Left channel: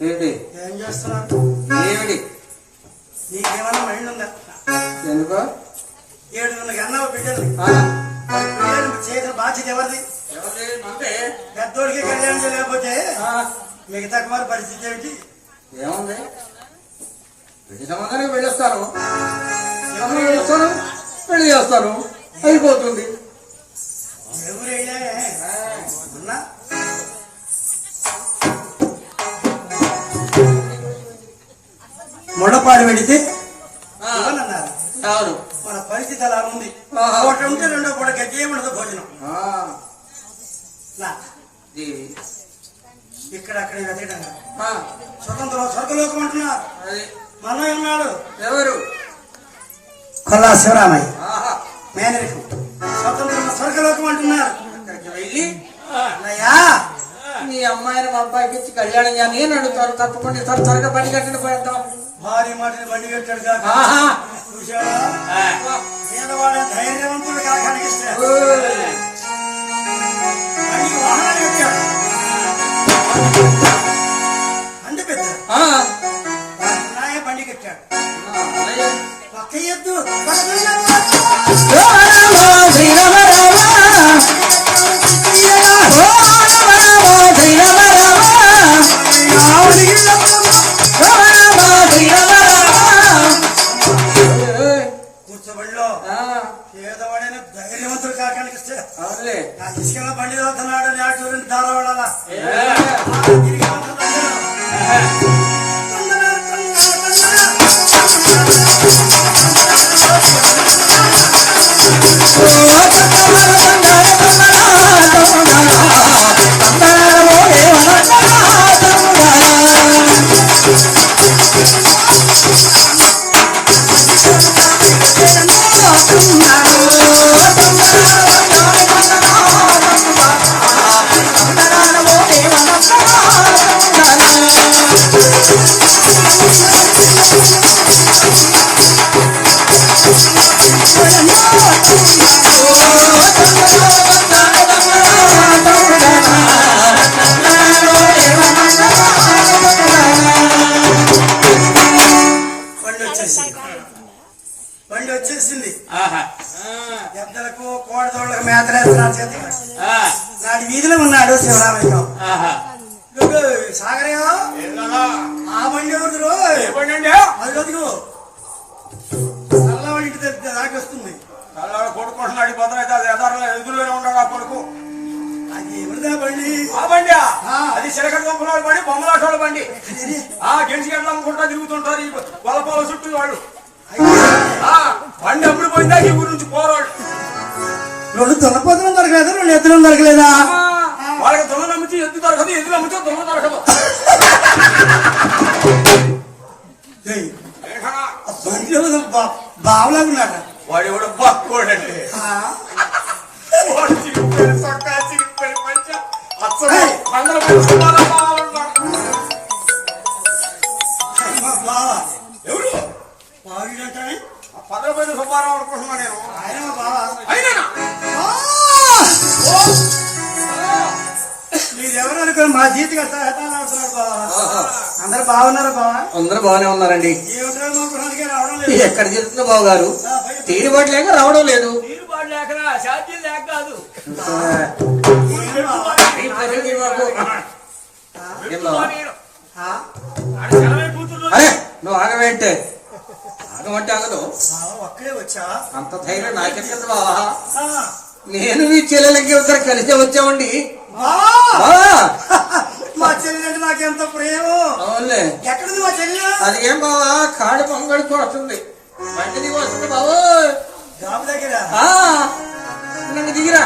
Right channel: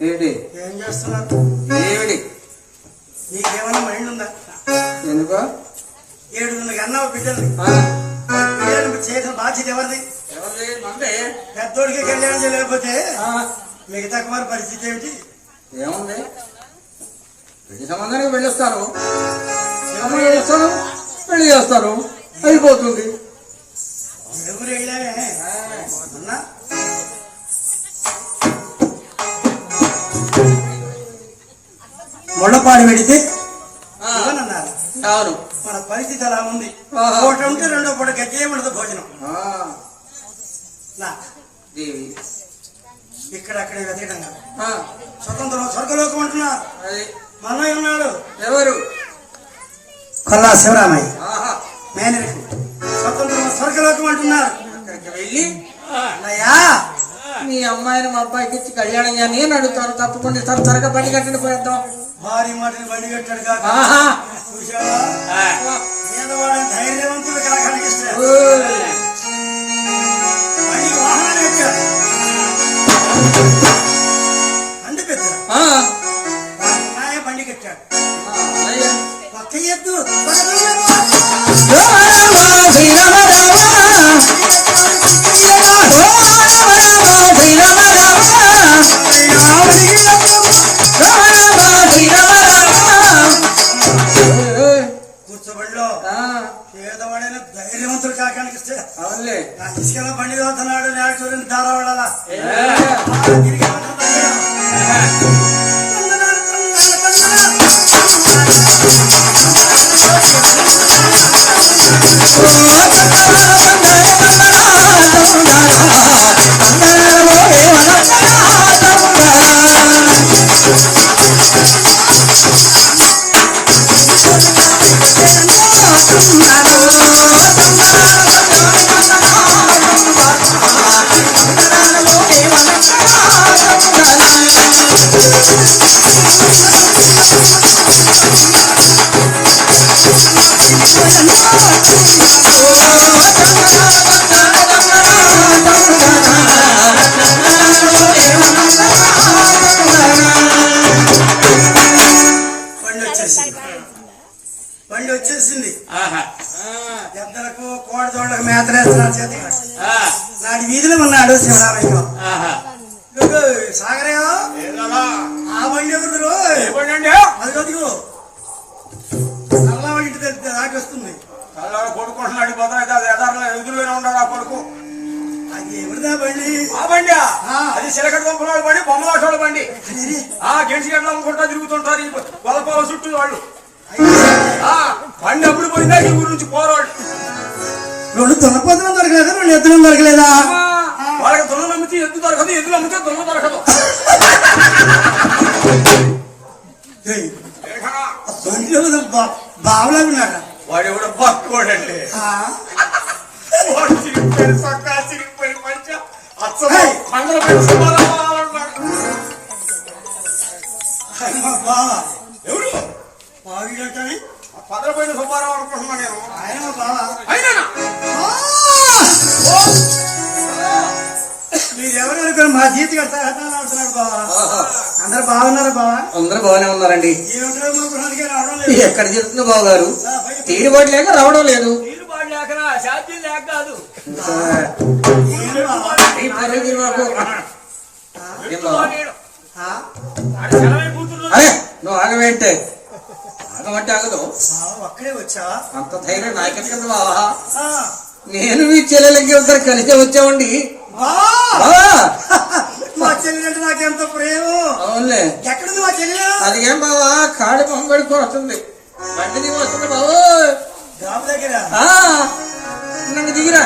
ఏంటి ఏం చేస్తున్నారు ఏమిటి? నీకేమన్నా మైండ్ ఉందా? ఎందుకో? ఏడుగురు అన్నావు బిడ్డలు. చేసిన బాధ్యత ఎవరిది? ఎవరిది? పెద్దోడికి కళ్యాణం చేయలేకపోతే మిగతా కుమార్ పరిస్థితి ఏమిటి? ఏముంది? పెళ్ళి సంబంధానికి వెళ్ళొస్తాను అమ్మాయి చేస్తాను పెళ్ళి చేస్తాను అయిపోతుంది. మొండపాడు పెడితే ఇవ్వనన్నారు. అవును మన పరిస్థితి అలా ఉంది. ఒకటి ఉంటే రెండో పూట ఉండదు భోజనం. ఇక్కడ అక్కడ. ఆ, స్వతంత్రం స్వర్గలోకం అంటున్నారు. మనలో ఉన్నాడు ఎవరు? కొల్లా శివరామయ్య. ఆహా, మేనరికం స్వతంత్రం స్వర్గలోకం అంటున్నారు. అక్కడికి వెళ్ళి అన్నయ్యా! మీ అమ్మాయిని మా అబ్బాయికి ఇచ్చి కళ్యాణం చేయాలి. నేను అడుగుతాను తప్పకుండా ఇస్తాను. త్వరగా పని కట్టండి పోయేద్దాం భారీ మాటలు బండి కట్టాడు కాక. ఆహా. చూశావా? పేదవాడే ధైర్యవంతుడు కాక అడిగిస్తాడు కట్టాడు. బండి పెద్ద బండి కట్టాడు. పక్క ఎద్దు. ధైర్యవంతుడు కాక అనిపిస్తాడు అవునులే నా ఇసుకలో బండి చదువుతున్నాడు నాడు వీధిలో ఉన్నాడు శివరామయ్య ఆ బండి ఎవరు అది దాకొస్తుంది కొడుకుంటున్నాడు అది ఎదారులో ఎదురుగానే ఉన్నాడు ఆ కొడుకు. అది ఎవరిదా బండి? బొమ్మలాటోళ్ళ బండి ఆ? గెంటి గట్ల అమ్ముకుంటా తిరుగుతుంటారు పొల చుట్టూ వాళ్ళు. ఆ బండి అప్పుడు పోయిందా ఈ ఊరు నుంచి పోరాడు. రెండు దున్నపోతులు దొరకలేదు? రెండు ఎత్తులు దొరకలేదా? వాళ్ళకి దొంగలు అమ్మితే ఎద్దు దొరకదు ఎద్దులు అమ్మితే దొంగ దొరకదు. ఏయ్, ఏటా? బండి ఎవరు బా- బావలాగా ఉన్నాడా వాడు ఎవడు చిరిగిపోయిన పంచ అచ్చం ఏయ్. బావా. అందరు బాగున్నారు బావా? అందరూ బాగానే ఉన్నారండి. ఏమిటారు మా గృహానికి రావడం లేదు? ఎక్కడ జరుగుతుందో బాబు గారు తీరుబాటు లేక రావడం లేదు. లేకనా? లేక కాదు. అరే నువ్వు ఆగవేంటే? ఆగమంటే ఆగదు. ఒక్కడే వచ్చా? అంత ధైర్యం నాకెక్కడ బావా? నేను మీ చెల్లెలకి ఇద్దరు కలిసే వచ్చామండి బావా! బావా మా చెల్లి అంటే నాకెంత ప్రేమ? అవునులే. ఎక్కడుంది మా చెల్లి? అది ఏం బావా? కాడి పొంగడికి వస్తుంది. బండి వస్తుంది బాబు జాబ్ దగ్గర? నన్ను దిగిరా.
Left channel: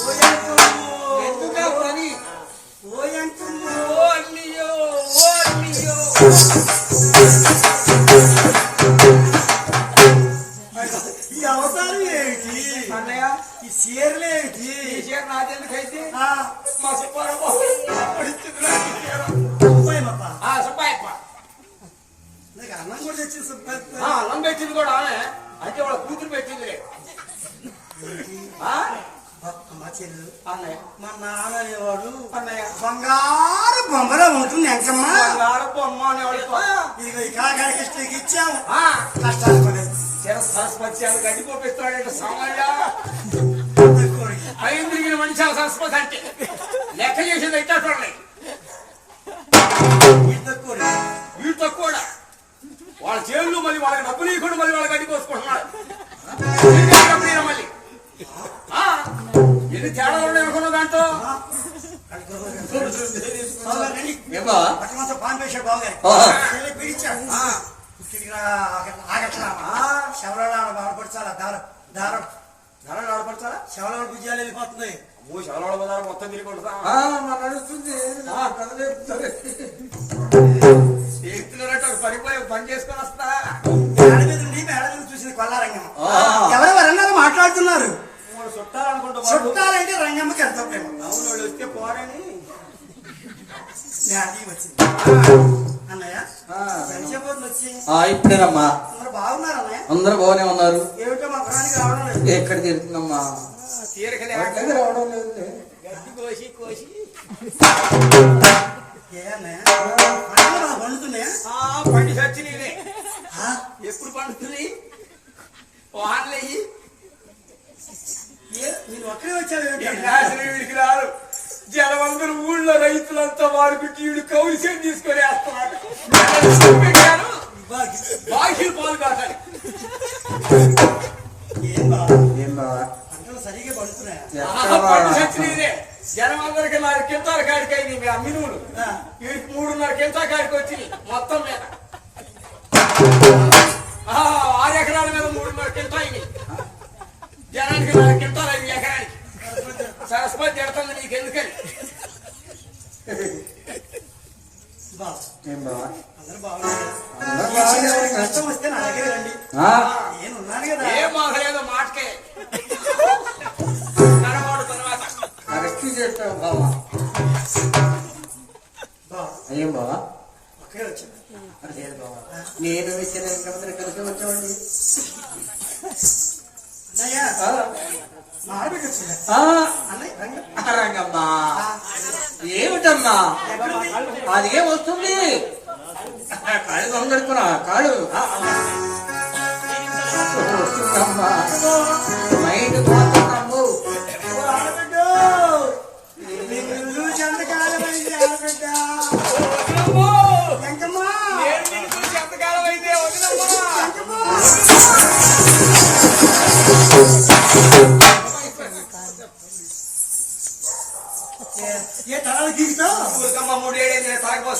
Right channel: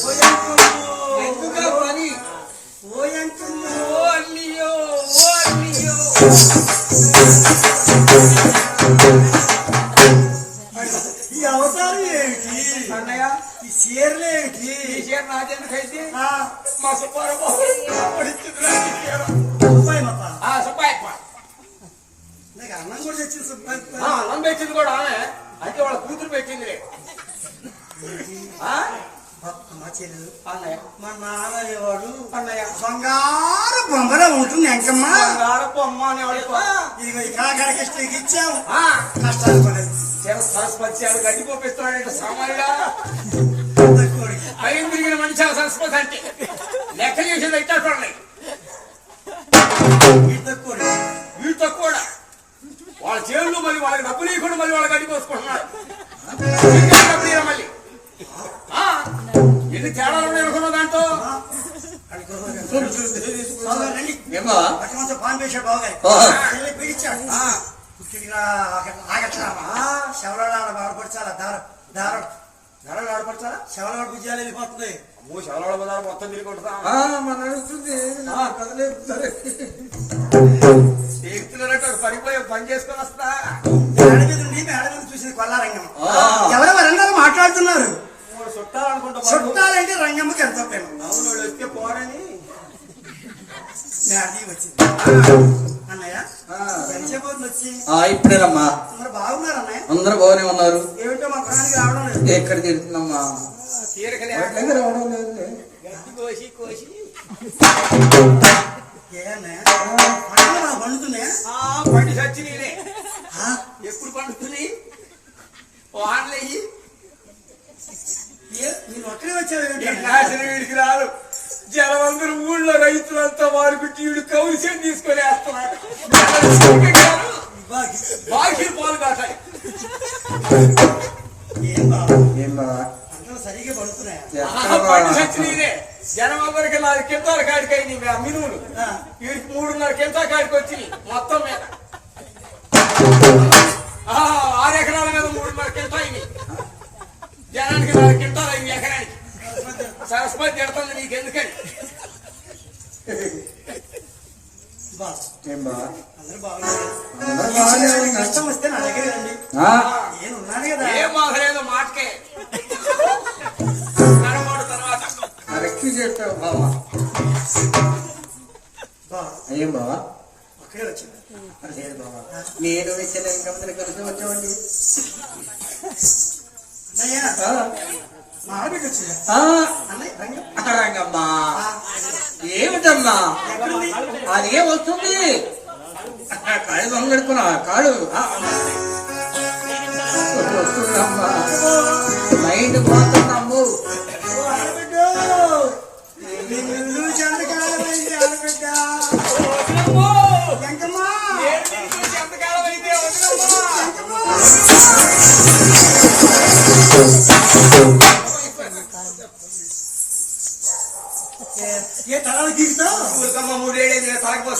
ఓ ఓ మా సుబ్బారావు. ఆ సుబ్బాయప్ప నీకు అన్నం కూడా తెచ్చింది సుబ్బాయి ఆ అన్నం పెట్టింది కూడా ఆమె. అయితే వాళ్ళ కూతురు పెట్టింది ఆ? మా చెల్లు అన్నయ్య. మా నాన్న అనేవాడు అన్నయ్య బంగారు బొమ్మలో ఉంటుంది వెంకమ్మ. బంగారు బొమ్మ అనేవాడు ఇదిగో ఈ కాకాడికి ఇచ్చాము ఆ, కష్టాలు పడేది. చిర సరస్వతి అది గడ్డి పోపిస్తున్నాడు సామాన్యుడా. కోరిక. పైన తిరిగిన మనిషి ఆ సరస్వతి అంటే. లెక్క చేసేది అయితే చూడండి. వీటితో కూడా వాళ్ళ చేతులు మళ్ళీ వాళ్ళకి డబ్బులు ఇవ్వకుండా మళ్ళీ వాళ్ళకి అడ్డి కోసుకుంటున్నారు. మళ్ళీ? ఎన్ని తేడాలు ఉన్నాయి దాంట్లో? బాగా ఆ, పుట్టిగా ఆగట్లామా శవలాడ బాధపడచాలా దారం దారం. ధరలు ఆడపడతారా శవలాడ భుజాలు వెళ్ళిపోతుంది బజారు మొత్తం తిరిగి ఆ, మన నడుస్తుంది. పడిపోయి పని చేసుకొని వస్తా. మేడ మీద ఉండి మేడ మీద చూసింది కొల్లారంగం ఆ. ఎవరు వరంగల్ మాట్లాడుతున్నారు. మూడు చుట్టాలు అనుకుంటా బాబు చుట్టాలంటే రంగమ్మకి అవును వాళ్ళు వస్తే పోరని. ఇప్పుడేనమ్మా అందరూ బాగున్నారు అన్నయ్య అందరూ బాగానే ఉన్నారు. ఏమిటో మా ప్రాణానికి రావడం లేదు. ఎక్కడ తిరుగుతున్నామ్మా ఎక్కడికి రావడం లేదు గడ్డి కోసి కోసి. పండుతున్నాయా? ఆ పండి సచ్చినీలే. ఆ? ఎప్పుడు పండుతుంది వానలేయి ఏ నేను ఒక్కడే వీడికి రాదు జనమందరూ ఊళ్ళో రైతులంతా వారికి వీడు కౌలిసేం తీసుకొని వేస్తున్నాడు బాకీలు పాలు కాటాలి ఏం బా ఏం బావా? పంటలు సరిగ్గా పండుతున్నాయా? జనం అందరికి నాలుగు కింటాల కాడికి అయింది మినువులు. వీడికి మూడున్నర కింటా కాడికి వచ్చింది మొత్తం మీద ఆ, ఆరు ఎకరాల మీద మూడున్నర కింటా అయింది జనానికి నాలుగు కింటాలు అయింది ఎకరానికి. సరస్వతి తిడుతుంది నీకు ఎందుకని. కష్టం వస్తే నా దగ్గర రండి. ఆ, నేను ఉన్నాను కదా. ఏం మాకలేదు మాటకే. చెప్పావు బావా? ఏం బావా? నేను కలిసి వచ్చామండి. రంగమ్మా. ఏమిటమ్మా? అది ఏం వస్తుంది. కాళ్ళు దొంగడుకున్నా ఆ, వస్తుందమ్మా.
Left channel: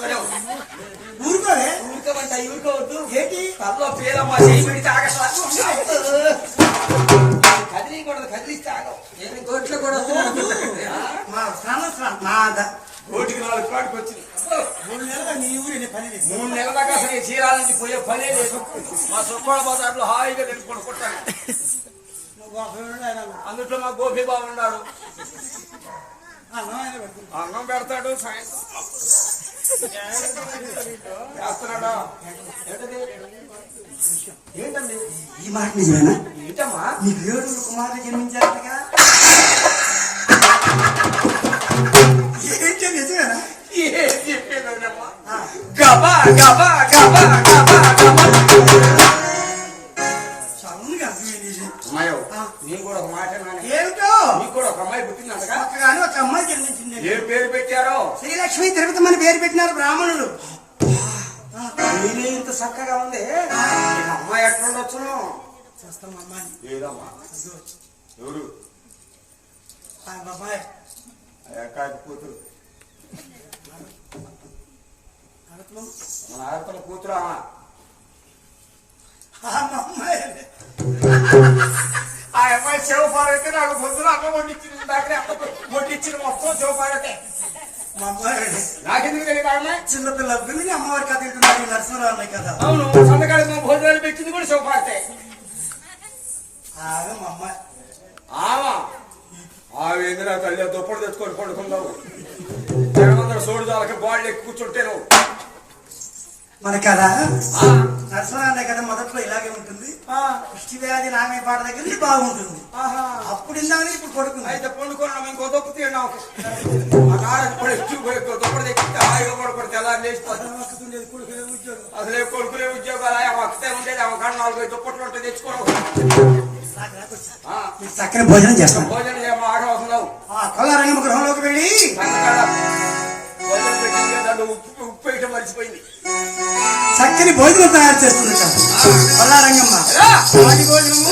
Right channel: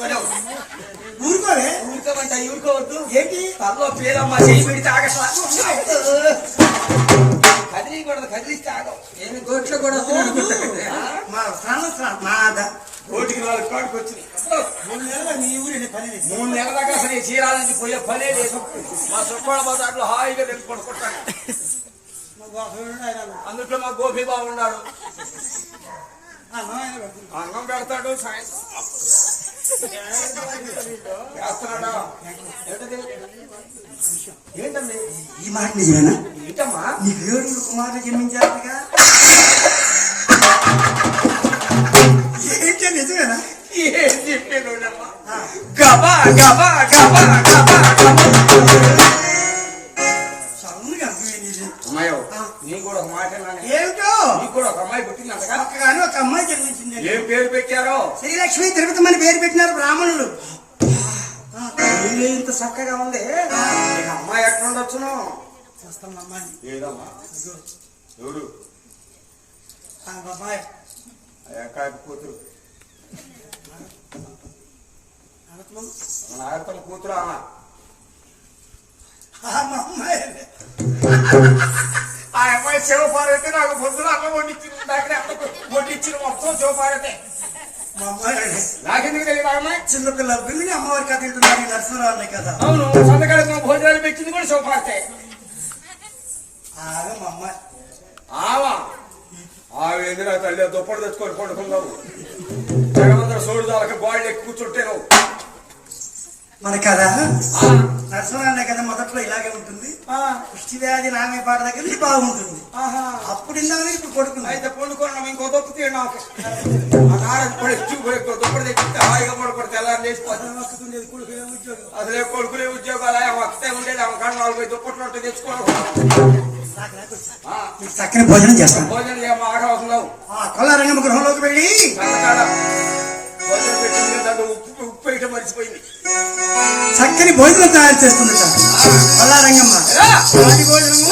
తాగపోసుకొని ఊరుకోలే ఊరుకోమంట ఊరుకోవద్దు. ఏంటి? తల్లో పేరమ్మ చేయి పెడితే ఆగట్లా కదిలియకూడదు కదిలిస్తే ఆగవు. నేను గొట్లు కూడా మా ప్రాణం మా కోటికి నాలుగు కాడికి వచ్చినాయి. మూడు నెలలు నీ ఊరి పని. మూడు నెలల దాకా అసలు చీరాలని పోయే పనే లేదు. మా సుక్కోళ బజార్లో హాయిగా తినుకొని కొట్టాను. అందుట్లో మా గోపి బాబు ఉన్నాడు. అన్నం పెడతాడు సాయంత్రం. ఏంటండి? ఈ మాట నిజమేనా? ఏంటమ్మా? నీ దేవుడు కుమారుడు జన్మించారుగా ఏంటి నిజమేనా? ఏం చెప్పానమ్మా గబా గబా గబా గబా. ఏమి ఇంత చక్కగా ఉంది? అమ్మాయి ఎట్లుండొచ్చును చూస్తాం అమ్మాయి ఏదమ్మా? అక్కాయ కూతురు. మన కూతురు ఆమె. ఆ అమ్మాయి. శివపార్వతి నాకు పొద్దున అన్నం వడ్డించింది దాకా అమ్మకు వడ్డించిన మొత్తం శివపార్వతి మా అమ్మాయి నాకెందుకు తెలియదు ఆ అమ్మాయి చిన్నపిల్ల పిల్లని అమ్మవారి కథ వింటున్నారు ఈ నరసింహరావు అనే కదా అవును సంతకాడికి మా భోజనాలు పెట్టింది కూడా శివపార్వతి ఆగా మా అమ్మాయి ఆవా? ఆవి ఎదురా తల్లి దుప్పటి తెచ్చుకొని పడుకున్నావు జగమందర సోడు దాలకి బాళ్ళు ఎక్కి కూర్చుంటే నువ్వు. మన కదా ఆ, నరసింహ కదా మొదట్లో ఇలాగే ఉంటుంది. ఆ, పుష్టి వ్యాధి నామే పాట దగ్గర బాగుంటుంది. ఆహా. అప్పుడు ఇందాక ఇప్పుడు కొడుకుంది అయితే పండుకోవడం ఇంకో నాకు ఆ కాడ ఇప్పుడు ఎత్తుకుపోయి దుప్పటి తెచ్చిస్తే హాయిగా పడుకుంటే ఎలా లేచిపోతుంది కొడుకు ఉద్యోగం అసలే కొడుకులే ఉద్యోగాలు వస్తే ఉండేది ఆమె కాడ నాలుగు దుప్పట్లు ఉంటే తెచ్చుకోవడం చక్కని భోజనం చేస్తాం భోజనం చేయమా ఆగవసరం ఆ. కొల్లారంగం గృహంలోకి వెళ్ళి కాడ భోజనం పెట్టింది దాంట్లో ఉప్పు ఉప్పు వేయటం మర్చిపోయింది చక్కని భోజనం తయారు చేస్తుందట కొల్లారంగమ్మ భోజనము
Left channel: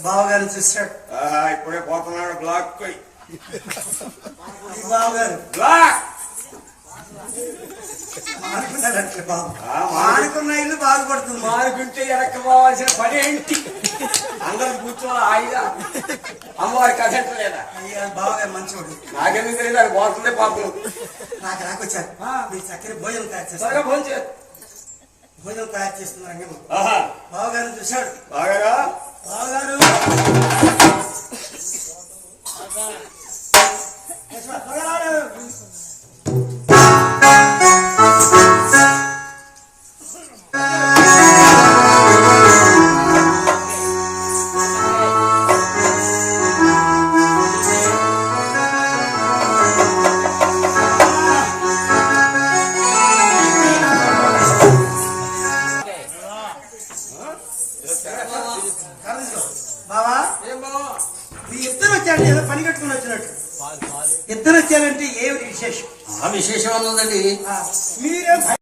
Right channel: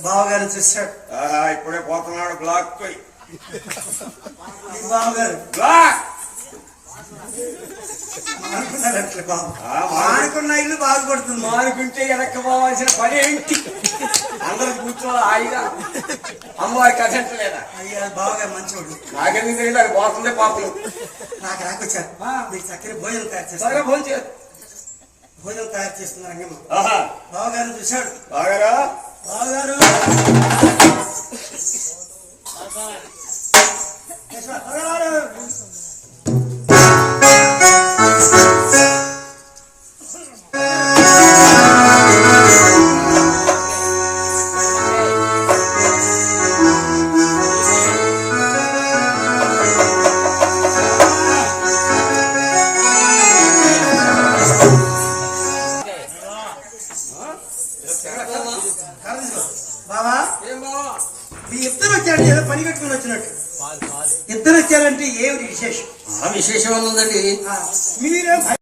బావగారు చూశాడు ఆహా, ఇప్పుడే పోతున్నాడు బ్లాక్ పోయి. బావగారు. బ్లాక్! మానుకున్నాడంటే బాబు. మానుకున్న ఇల్లు బాగుపడుతుంది మానుకుంటే వెనక్కి పోవాల్సిన పని ఏంటి? అందరు కూర్చోవాలి హాయిగా. అమ్మవారి కథంట లేదా? అయ్యా బావగారు మంచివాడు నాకెందుకు తెలియదు అది పోతుందే పోతుంది నాకు రాకొచ్చారు. ఆ. మీరు చక్కని భోజనం తయారు చేస్తారు చేయదు భోజనం తయారు చేస్తున్న రంగమ్మ ఆహా. బావగారు చూశాడు. బాగా బావగారు.